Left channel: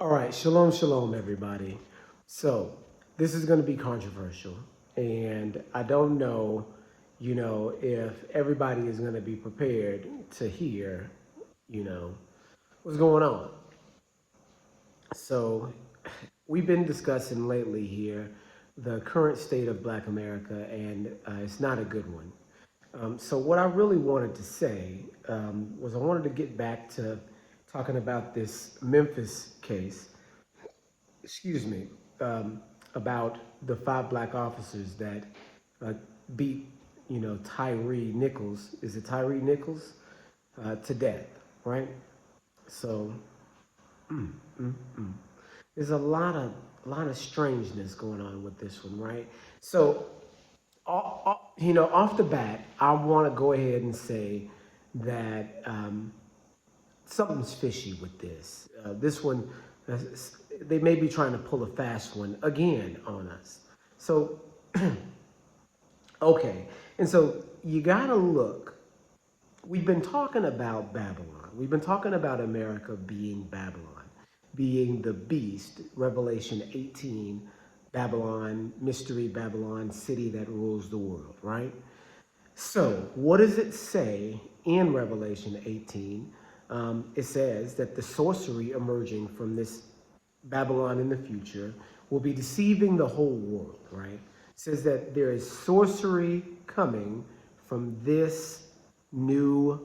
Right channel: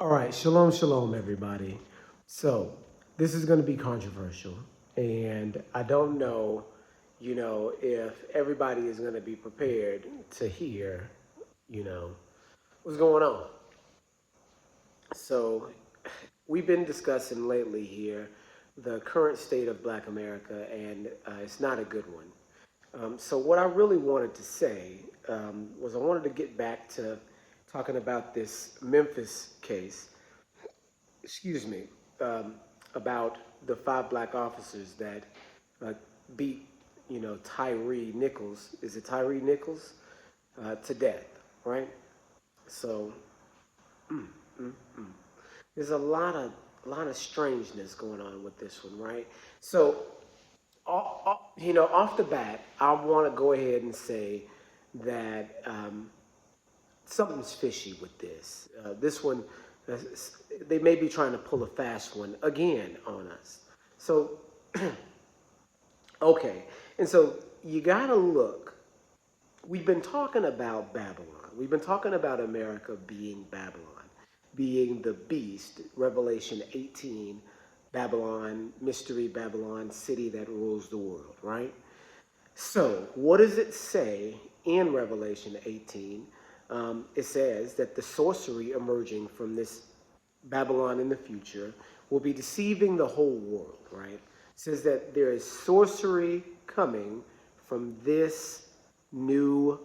All right, shalom, shalom, everybody. So, this is going to be controversial, and I don't know, if everybody is going to be prepared to hear, what's going on. So, we've been discussing lately here the current state of Black America, and it's not a good one. So, what I really wanted to say was I wanted to get back to talking about this Memphis case, excuse me, about the five black officers that uh, beat, Tyre Nicols. Is it Tyre Nicols? To death, right? So there's a lot of strangeness going on with this one, right? So, off the bat, I want to go ahead and say that something's fishy with this. This one, uh, they may be trying to pull a fast one again on us. So, okay. And so you got to look. We've been talking about Babylon. We've been talking about America being Babylon, being the beast, Revelation 18, Babylon, mystery Babylon, city that rules the world, right? So, what does it say in Revelation 18? It says that the sorcery emerging from this Babylon in the future will be deceiving the whole world, right? It says that there is sorcery coming from this new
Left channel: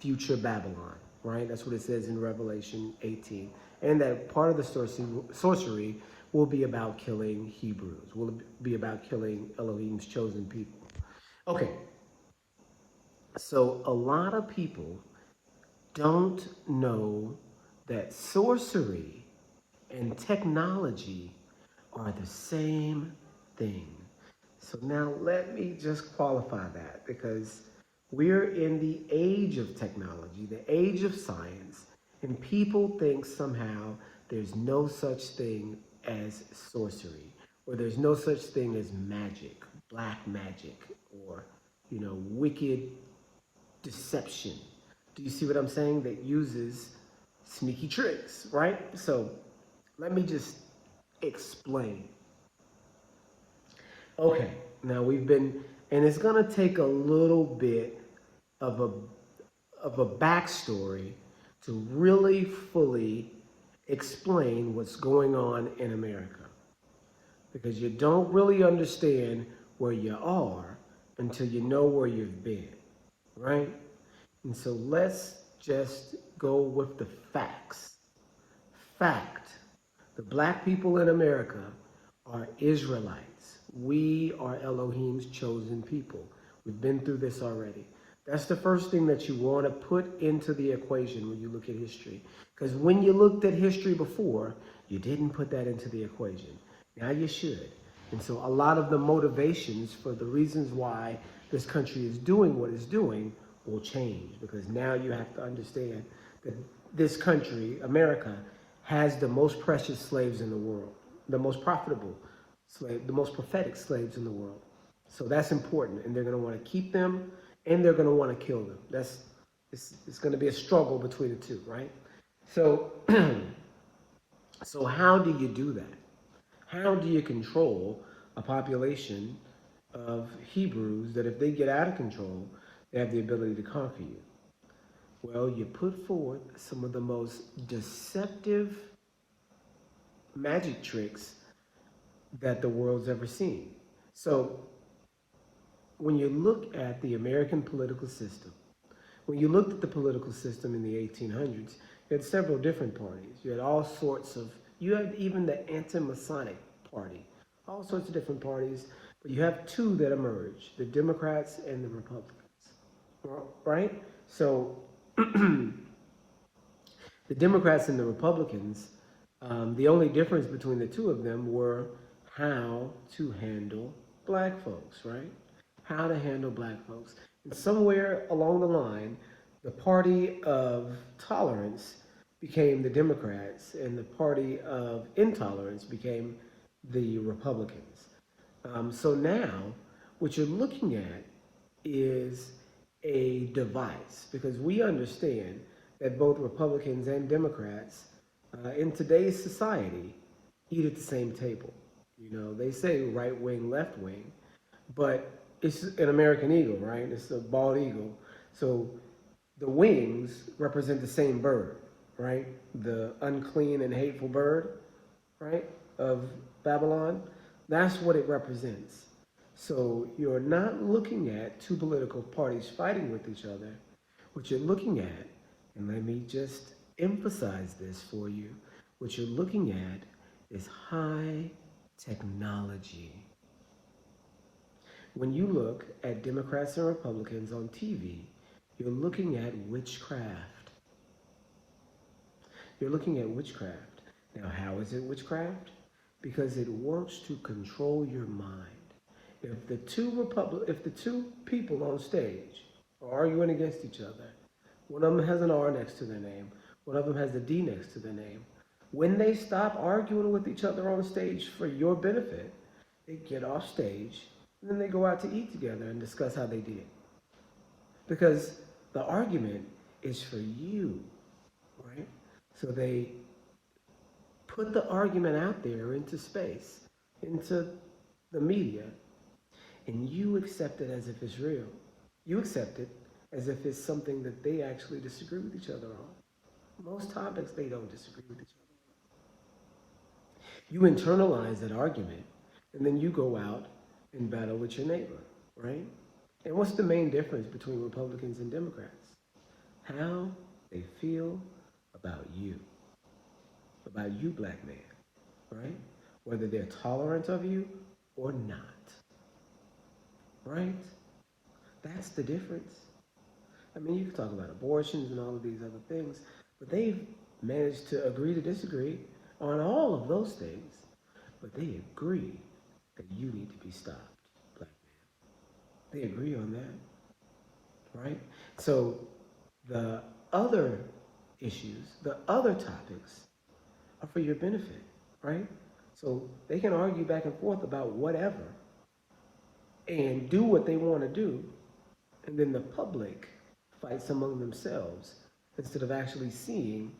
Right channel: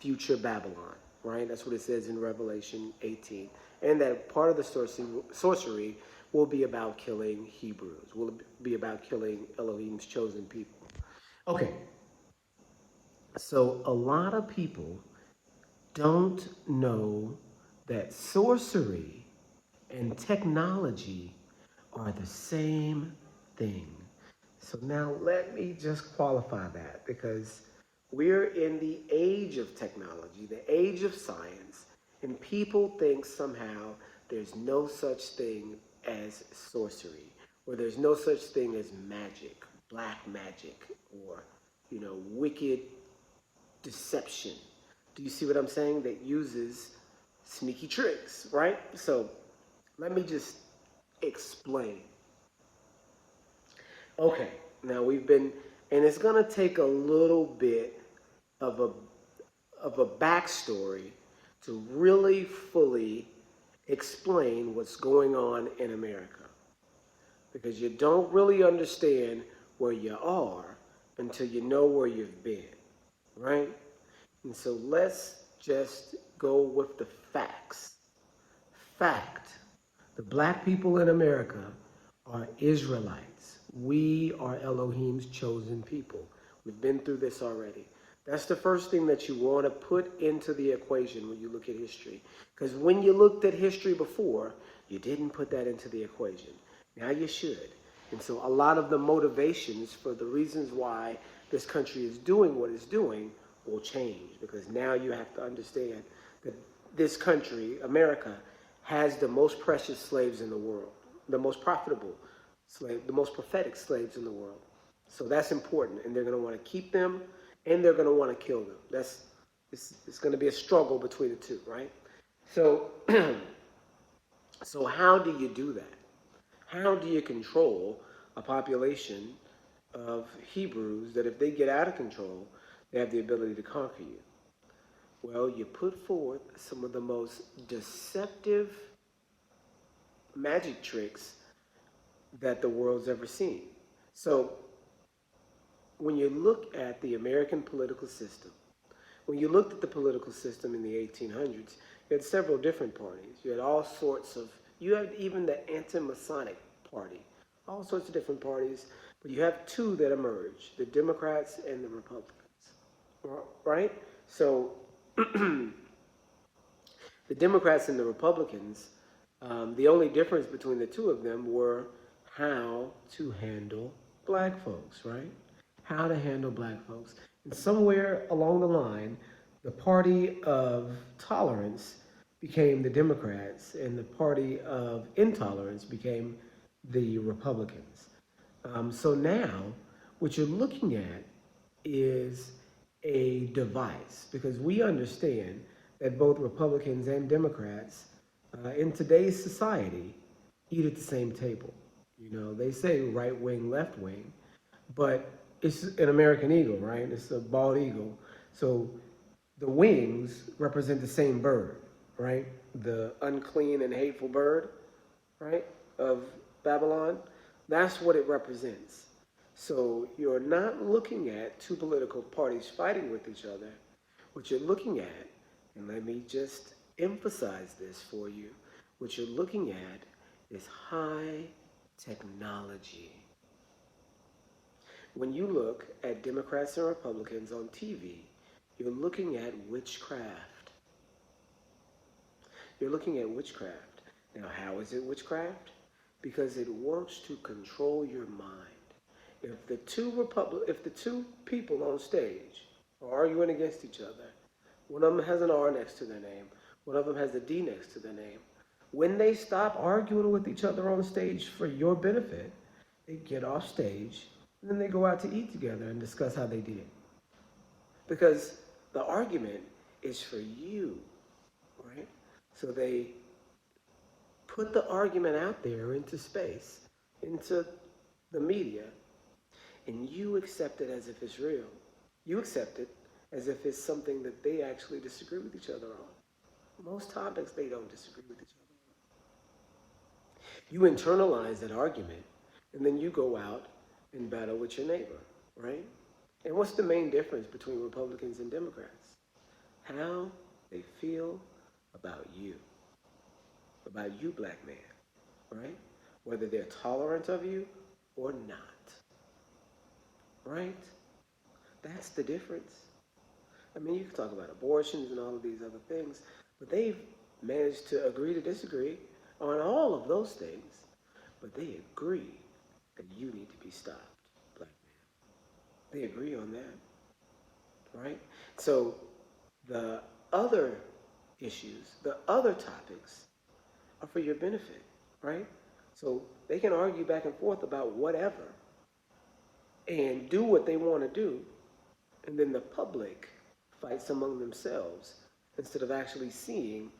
future Babylon, right? That's what it says in Revelation 18. And that part of the sorcery will be about killing Hebrews, will be about killing Elohim's chosen people. Okay, so a lot of people don't know that sorcery and technology are the same thing. So now let me just qualify that, because we're in the age of technology, the age of science, and people think somehow there's no such thing as sorcery, or there's no such thing as magic, black magic, or, wicked deception. Do you see what I'm saying? That uses sneaky tricks, right? So let me just explain. Okay, now and it's gonna take a little bit of a backstory to really fully explain what's going on in America, because you don't really understand where you are until you know where you've been, right? And so let's just go with the facts. Fact: the black people in America are Israelites. We are Elohim's chosen people. We've been through this already. That's the first thing that you want to put into the equation when you look at history. Because when you looked at history before, you didn't put that into the equation. Now you should. And so a lot of the motivations for the reasons why this country is doing what it's doing will change, because now you have to understand that this country, America, has the most precious slaves in the world, the most profitable slave, the most prophetic slaves in the world. So that's important, and they're going to want to keep them, and they're going to want to kill them. It's going to be a struggle between the two, right? So, so how do you do that? How do you control a population of Hebrews that, if they get out of control, they have the ability to conquer you? Well, you put forth some of the most deceptive magic tricks that the world's ever seen. So when you look at the American political system, when you looked at the political system in the 1800s, you had several different parties. You had all sorts of, you had even the anti-Masonic party, all sorts of different parties, but you have two that emerged: the Democrats and the Republicans, right? So the Democrats and the Republicans, the only difference between the two of them were how to handle black folks, right? How to handle black folks. And somewhere along the line, the party of tolerance became the Democrats, and the party of intolerance became the Republicans. So now, what you're looking at is a device, because we understand that both Republicans and Democrats in today's society eat at the same table. You know, they say right wing, left wing, but it's an American eagle, right? It's a bald eagle. So the wings represent the same bird, right? The unclean and hateful bird, right, of Babylon. That's what it represents. So you're not looking at two political parties fighting with each other. What you're looking at, and let me just emphasize this for you, what you're looking at is high technology. When you look at Democrats and Republicans on TV, you're looking at witchcraft. You're looking at witchcraft. Now, how is it witchcraft? Because it wants to control your mind. If the two people on stage are arguing against each other, one of them has an R next to their name, one of them has a D next to their name. When they stop arguing with each other on stage for your benefit, they get off stage and then they go out to eat together and discuss how they did. Because the argument is for you, right? So they put the argument out there into space, into the media, and you accept it as if it's real. You accept it as if it's something that they actually disagree with each other on. Most topics they don't disagree with each other. You internalize that argument, and then you go out and battle with your neighbor, right? And what's the main difference between Republicans and Democrats? How they feel about you, black man, right? Whether they're tolerant of you or not, right? That's the difference. I mean, you can talk about abortions and all of these other things, but they've managed to agree to disagree on all of those things, but they agree that you need to be stopped, black man. They agree on that, right? So the other issues, the other topics are for your benefit, right? So they can argue back and forth about whatever and do what they want to do, and then the public fights among themselves instead of actually seeing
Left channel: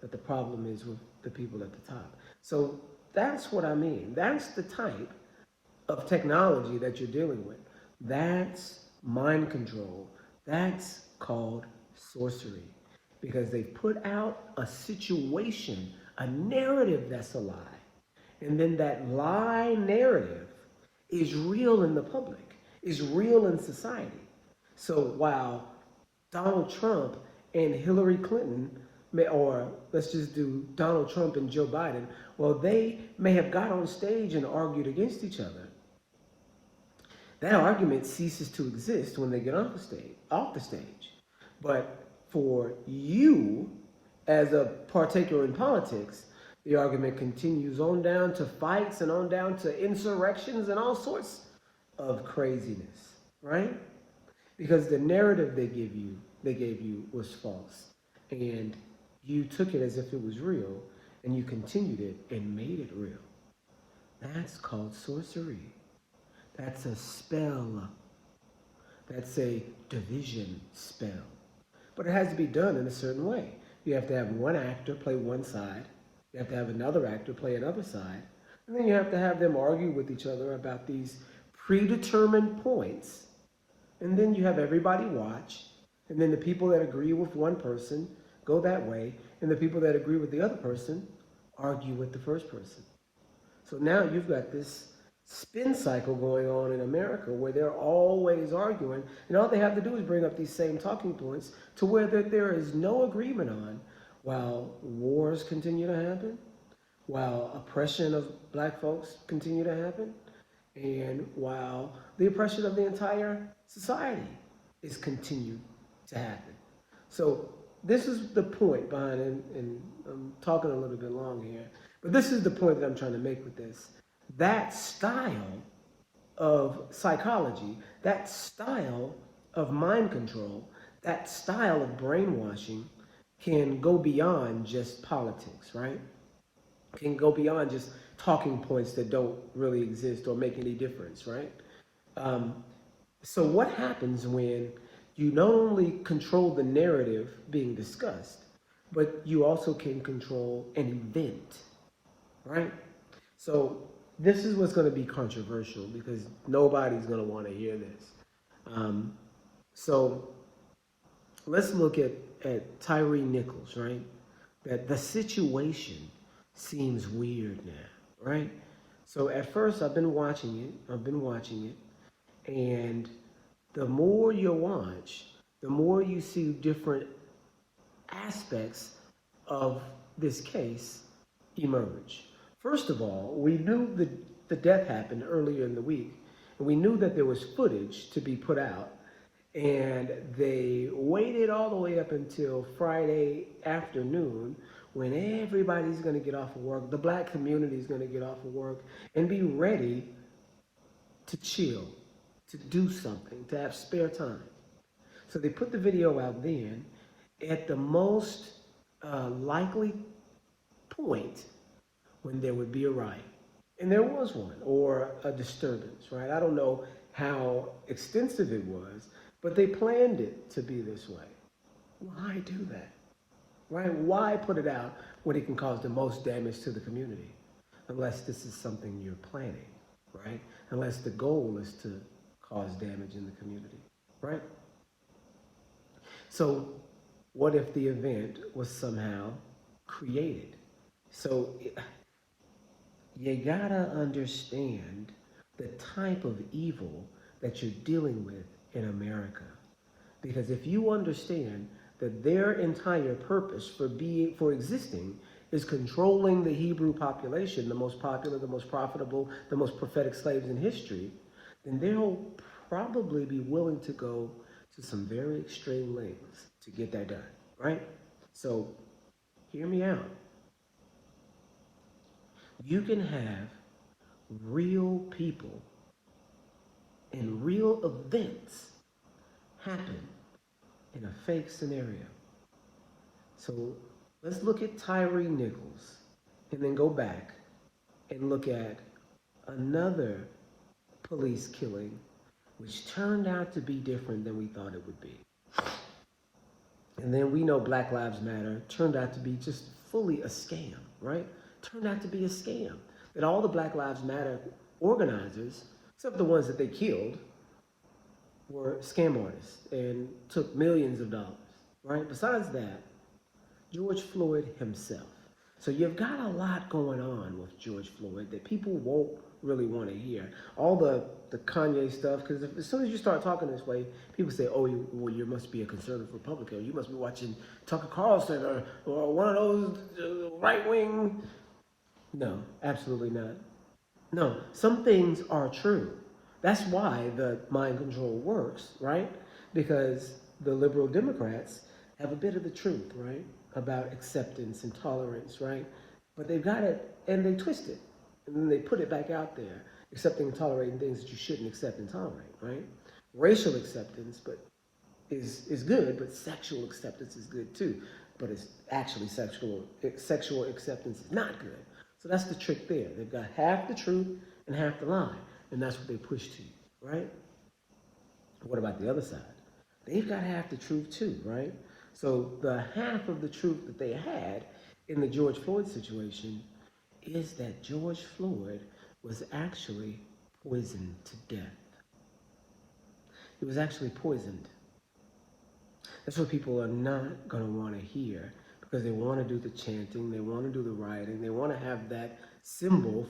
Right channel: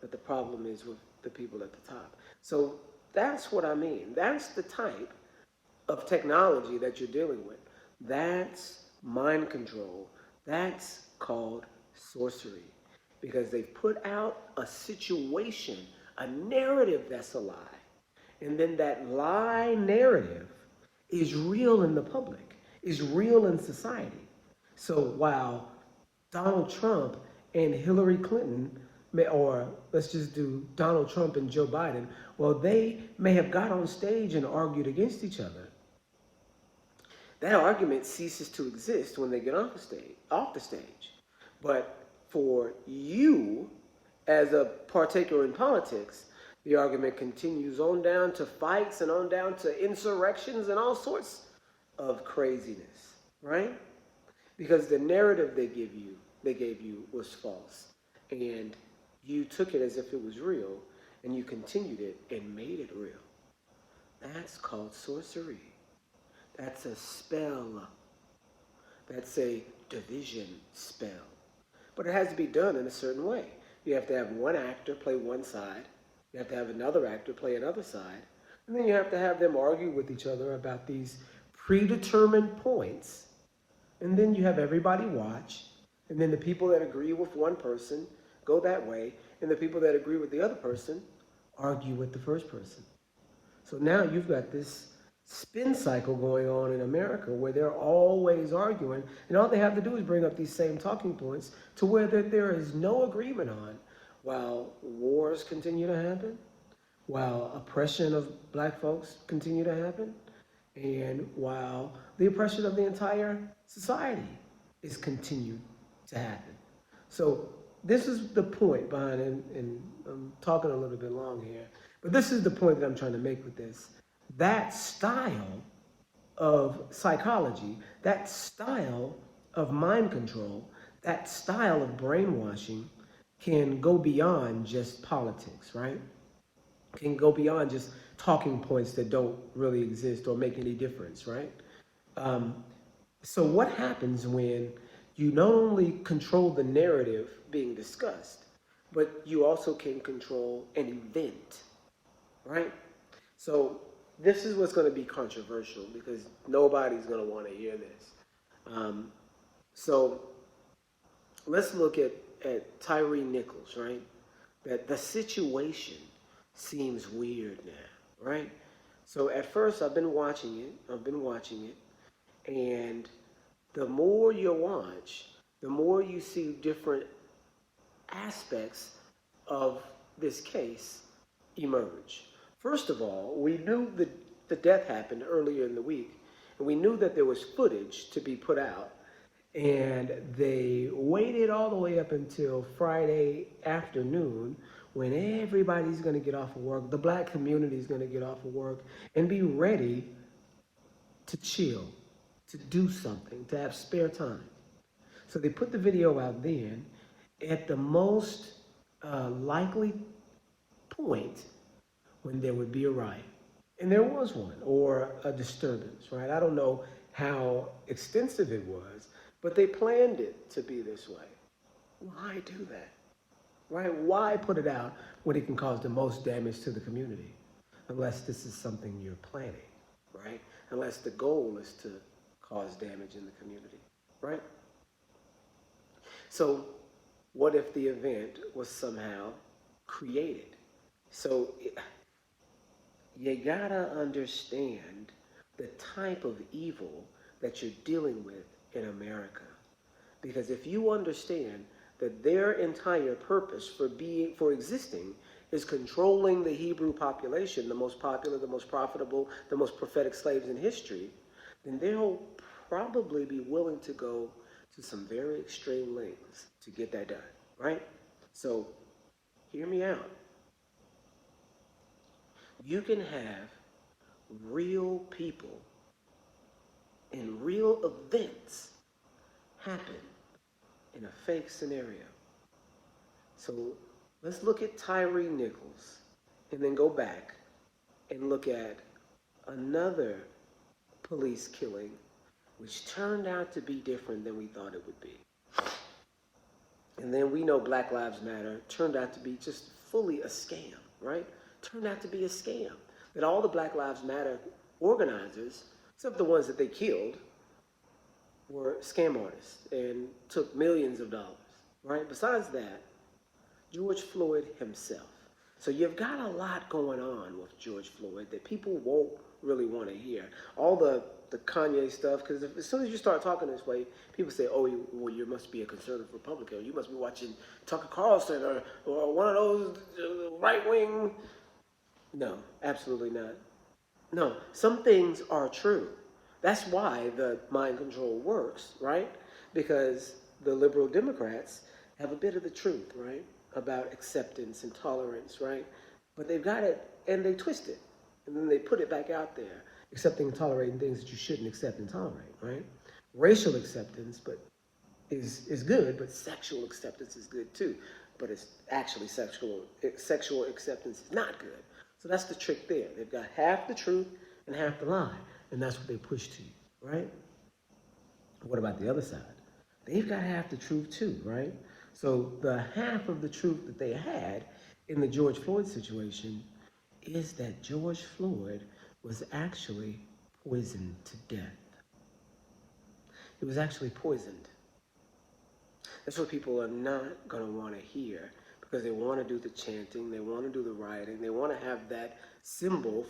that the problem is with the people at the top. So that's what I mean. That's the type of technology that you're dealing with. That's mind control. That's called sorcery, because they've put out a situation, a narrative that's a lie. And then that lie narrative is real in the public, is real in society. So while Donald Trump and Hillary Clinton or let's just do Donald Trump and Joe Biden, well, they may have got on stage and argued against each other. That argument ceases to exist when they get off the stage. But for you, as a partaker in politics, the argument continues on down to fights and on down to insurrections and all sorts of craziness, right? Because the narrative they gave you was false. And you took it as if it was real, and you continued it and made it real. That's called sorcery. That's a spell. That's a division spell. But it has to be done in a certain way. You have to have one actor play one side. You have to have another actor play another side. And then you have to have them argue with each other about these predetermined points. And then you have everybody watch. And then the people that agree with one person go that way. And the people that agree with the other person argue with the first person. So now you've got this spin cycle going on in America where they're always arguing, and all they have to do is bring up these same talking points to where there is no agreement on, while wars continue to happen, while oppression of black folks continue to happen, and while the oppression of the entire society is continued to happen. So this is the point behind it, and I'm talking a little bit long here, but this is the point that I'm trying to make with this. That style of psychology, that style of mind control, that style of brainwashing can go beyond just politics, right? Can go beyond just talking points that don't really exist or make any difference, right? So what happens when you not only control the narrative being discussed, but you also can control an event, right? So this is what's going to be controversial because nobody's going to want to hear this. Um, so let's look at Tyre Nicols, right? That the situation seems weird now, right? So at first I've been watching it, and the more you watch, the more you see different aspects of this case emerge. First of all, we knew the death happened earlier in the week, and we knew that there was footage to be put out, and they waited all the way up until Friday afternoon when everybody's going to get off of work, the black community is going to get off of work, and be ready to chill, to do something, to have spare time. So they put the video out then at the most likely point when there would be a riot. And there was one, or a disturbance, right? I don't know how extensive it was, but they planned it to be this way. Why do that? Right? Why put it out when it can cause the most damage to the community? Unless this is something you're planning, right? Unless the goal is to cause damage in the community, right? So what if the event was somehow created? So you gotta understand the type of evil that you're dealing with in America. Because if you understand that their entire purpose for existing is controlling the Hebrew population, the most popular, the most profitable, the most prophetic slaves in history, then they'll probably be willing to go to some very extreme lengths to get that done, right? So hear me out. You can have real people and real events happen in a fake scenario. So let's look at Tyre Nicols and then go back and look at another police killing which turned out to be different than we thought it would be. And then we know Black Lives Matter turned out to be just fully a scam, right? Turned out to be a scam. That all the Black Lives Matter organizers, except the ones that they killed, were scam artists and took millions of dollars, right? Besides that, George Floyd himself. So you've got a lot going on with George Floyd that people won't really want to hear. All the Kanye stuff, because as soon as you start talking this way, people say, oh, you must be a conservative Republican. You must be watching Tucker Carlson or one of those right-wing. No, absolutely not. No, some things are true. That's why the mind control works, right? Because the liberal Democrats have a bit of the truth, right? About acceptance and tolerance, right? But they've got it and they twist it. And then they put it back out there, accepting and tolerating things that you shouldn't accept and tolerate, right? Racial acceptance is good, but sexual acceptance is good too. But it's actually sexual acceptance is not good. So that's the trick there. They've got half the truth and half the lie. And that's what they push to you, right? What about the other side? They've got half the truth too, right? So the half of the truth that they had in the George Floyd situation is that George Floyd was actually poisoned to death. He was actually poisoned. That's what people are not going to want to hear because they want to do the chanting, they want to do the rioting, they want to have that symbol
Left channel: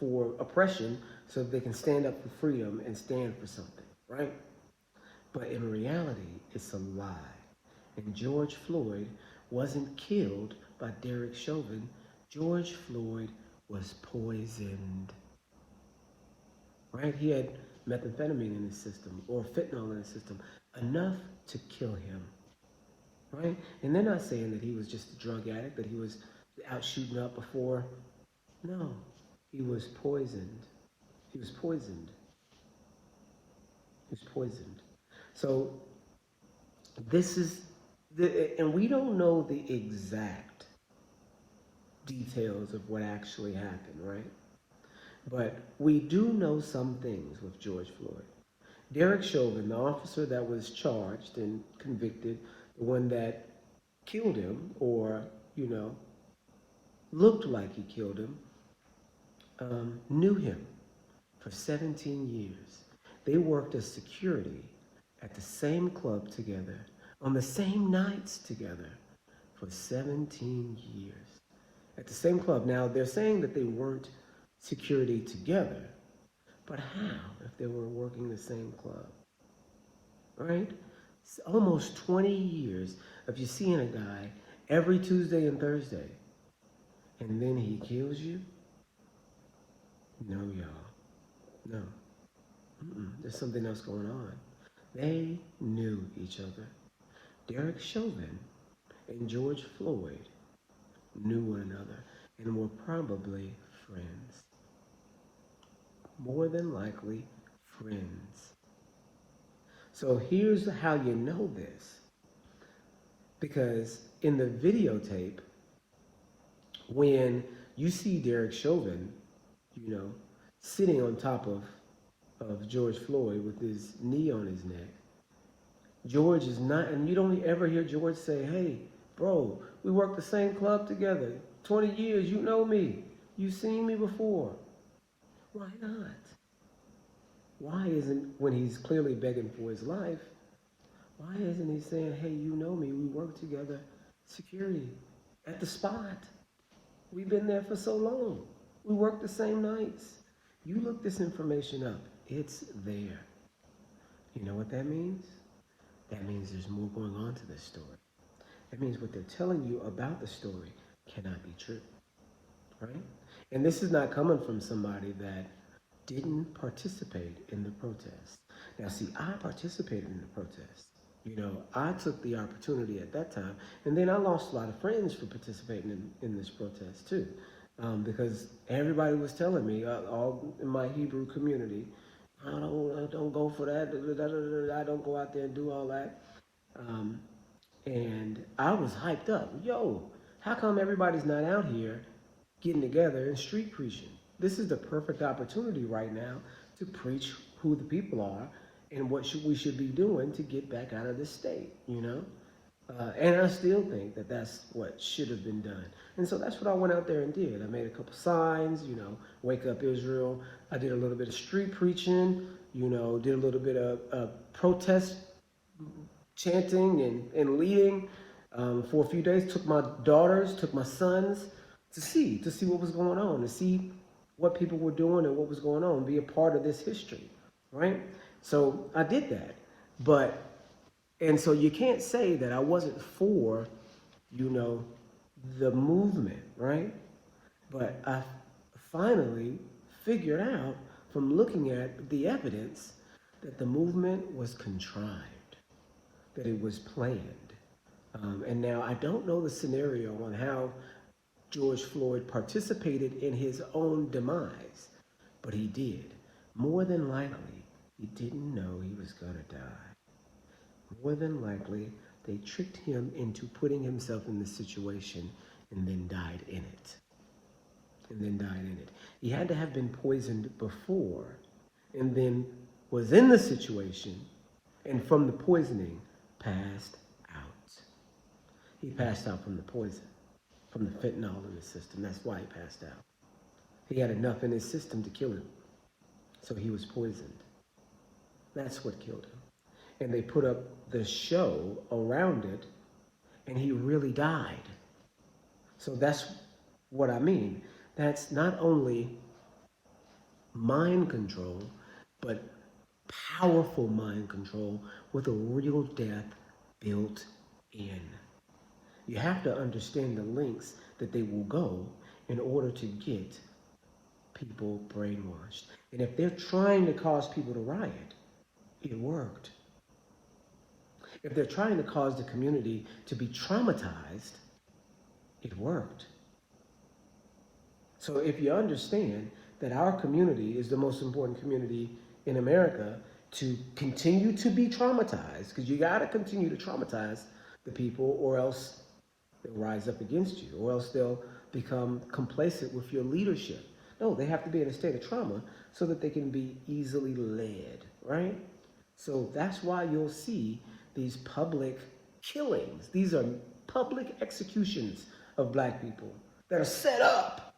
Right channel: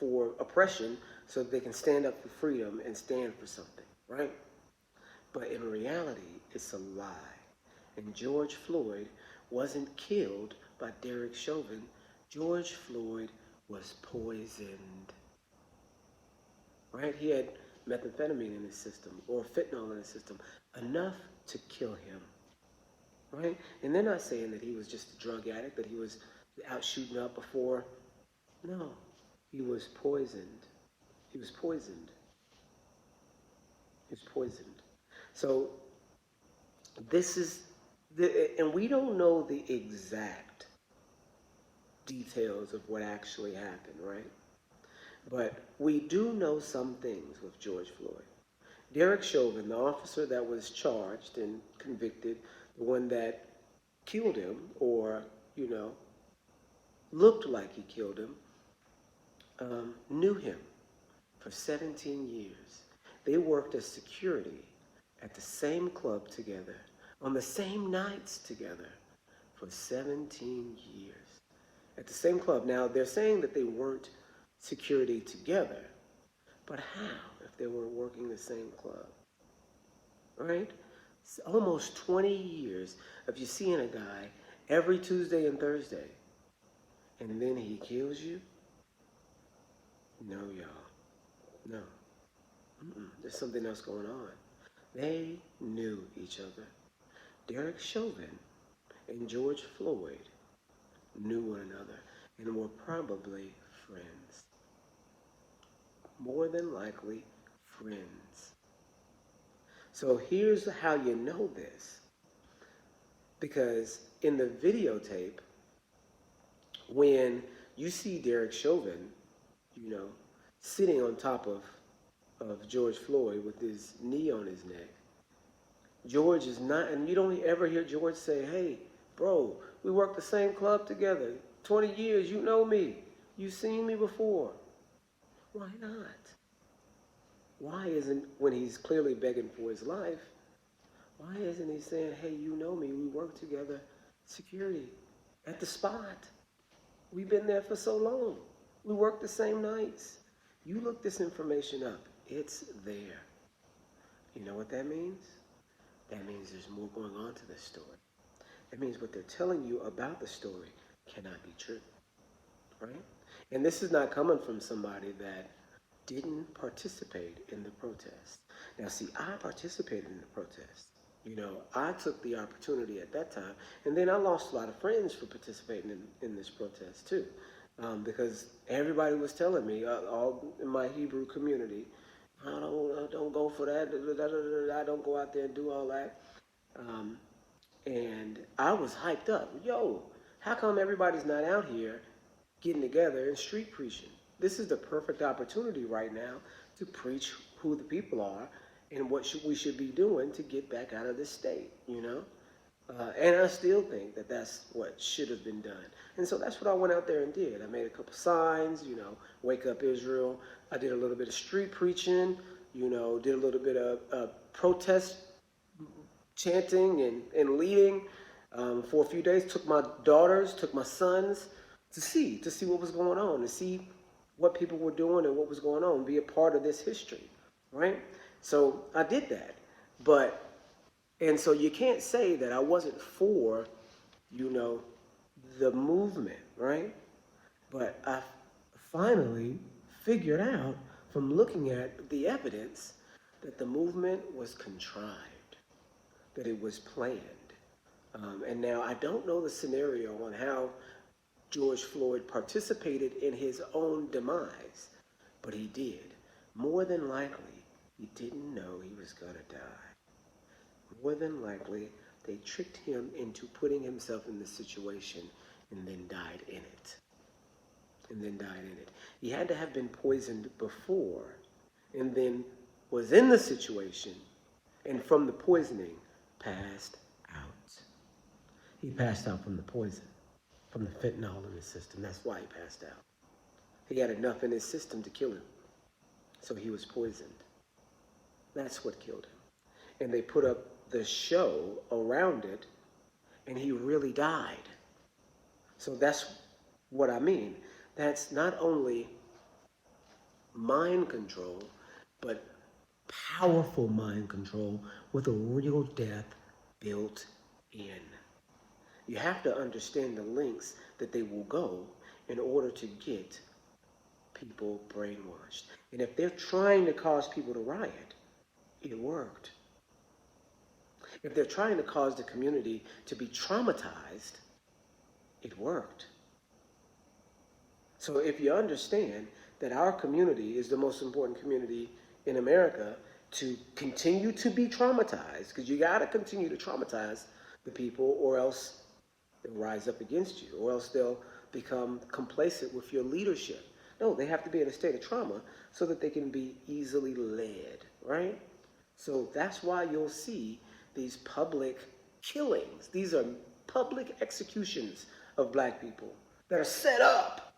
for oppression so that they can stand up for freedom and stand for something, right? But in reality, it's a lie. And George Floyd wasn't killed by Derek Chauvin. George Floyd was poisoned, right? He had methamphetamine in his system or fentanyl in his system, enough to kill him, right? And they're not saying that he was just a drug addict, that he was out shooting up before. No, he was poisoned. He was poisoned. He was poisoned. So this is, and we don't know the exact details of what actually happened, right? But we do know some things with George Floyd. Derek Chauvin, the officer that was charged and convicted, the one that killed him or, you know, looked like he killed him, knew him for 17 years. They worked as security at the same club together, on the same nights together for 17 years. At the same club. Now, they're saying that they weren't security together, but how if they were working the same club? Right? It's almost 20 years of you seeing a guy every Tuesday and Thursday, and then he kills you? No, y'all. No. There's something else going on. They knew each other. Derek Chauvin and George Floyd knew one another and were probably friends. More than likely, friends. So here's how you know this. Because in the videotape, when you see Derek Chauvin, you know, sitting on top of George Floyd with his knee on his neck, George is not, and you don't ever hear George say, hey, bro, we worked the same club together. 20 years, you know me. You've seen me before. Why not? Why isn't, when he's clearly begging for his life, why isn't he saying, hey, you know me, we work together, security, at the spot. We've been there for so long. We work the same nights. You look this information up, it's there. You know what that means? That means there's more going on to this story. That means what they're telling you about the story cannot be true, right? And this is not coming from somebody that didn't participate in the protest. Now, see, I participated in the protest. You know, I took the opportunity at that time, and then I lost a lot of friends for participating in this protest too, because everybody was telling me, all in my Hebrew community, I don't go for that, I don't go out there and do all that. And I was hyped up. Yo, how come everybody's not out here getting together and street preaching? This is the perfect opportunity right now to preach who the people are and what we should be doing to get back out of this state, you know? And I still think that that's what should have been done. And so that's what I went out there and did. I made a couple signs, you know, Wake Up Israel. I did a little bit of street preaching, you know, did a little bit of protest chanting and leading for a few days. Took my daughters, took my sons to see what was going on, to see what people were doing and what was going on, be a part of this history, right? So I did that. And so you can't say that I wasn't for, you know, the movement, right? But I finally figured out from looking at the evidence that the movement was contrived, that it was planned. And now I don't know the scenario on how George Floyd participated in his own demise, but he did. More than likely, he didn't know he was going to die. More than likely, they tricked him into putting himself in this situation and then died in it. He had to have been poisoned before and then was in the situation and from the poisoning passed out. He passed out from the poison, from the fentanyl in his system. That's why he passed out. He had enough in his system to kill him. So he was poisoned. That's what killed him. And they put up the show around it, and he really died. So that's what I mean. That's not only mind control, but powerful mind control with a real death built in. You have to understand the lengths that they will go in order to get people brainwashed. And if they're trying to cause people to riot, it worked. If they're trying to cause the community to be traumatized, it worked. So if you understand that our community is the most important community in America to continue to be traumatized, because you got to continue to traumatize the people or else they'll rise up against you, or else they'll become complacent with your leadership. No, they have to be in a state of trauma so that they can be easily led, right? So that's why you'll see these public killings. These are public executions of black people that are set up.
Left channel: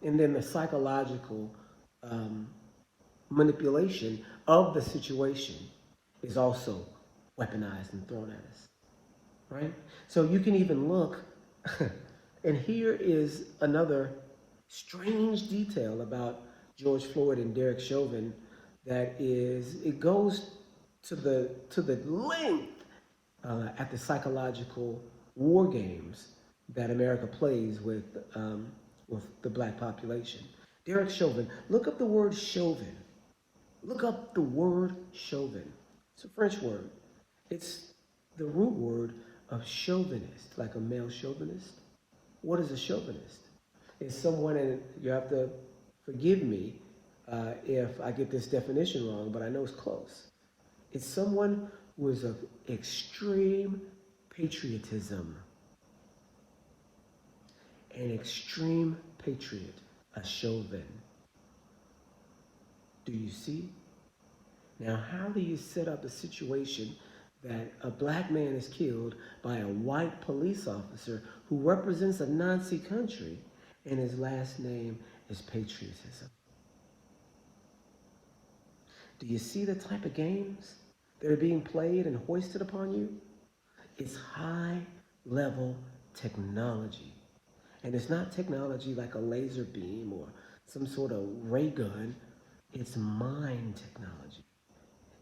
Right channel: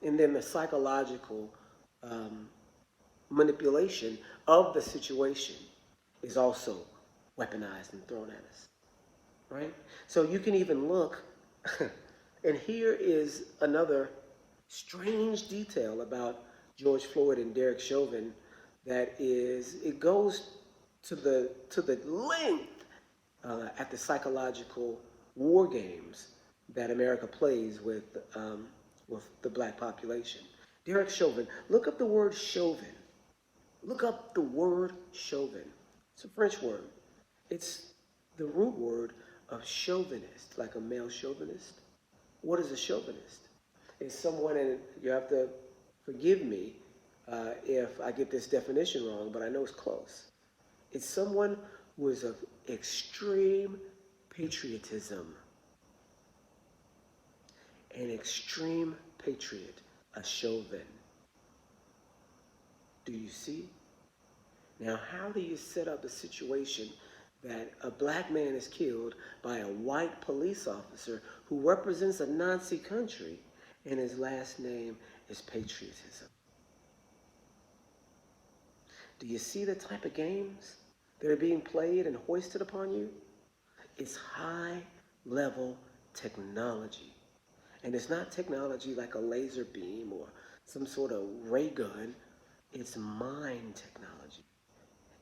And then the psychological manipulation of the situation is also weaponized and thrown at us, right? So you can even look, and here is another strange detail about George Floyd and Derek Chauvin that is, it goes to the length at the psychological war games that America plays with the black population. Derek Chauvin, look up the word Chauvin. Look up the word Chauvin. It's a French word. It's the root word of chauvinist, like a male chauvinist. What is a chauvinist? It's someone, and you have to forgive me if I get this definition wrong, but I know it's close. It's someone who is of extreme patriotism. An extreme patriot, a Chauvin. Do you see? Now, how do you set up a situation that a black man is killed by a white police officer who represents a Nazi country and his last name is patriotism? Do you see the type of games that are being played and hoisted upon you? It's high-level technology. And it's not technology like a laser beam or some sort of ray gun. It's mind technology.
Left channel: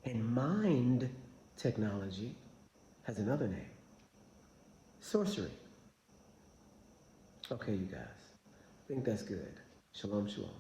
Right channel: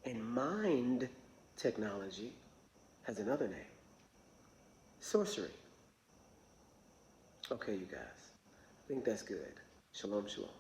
And mind technology has another name: sorcery. Okay, you guys. I think that's good. Shalom, shalom.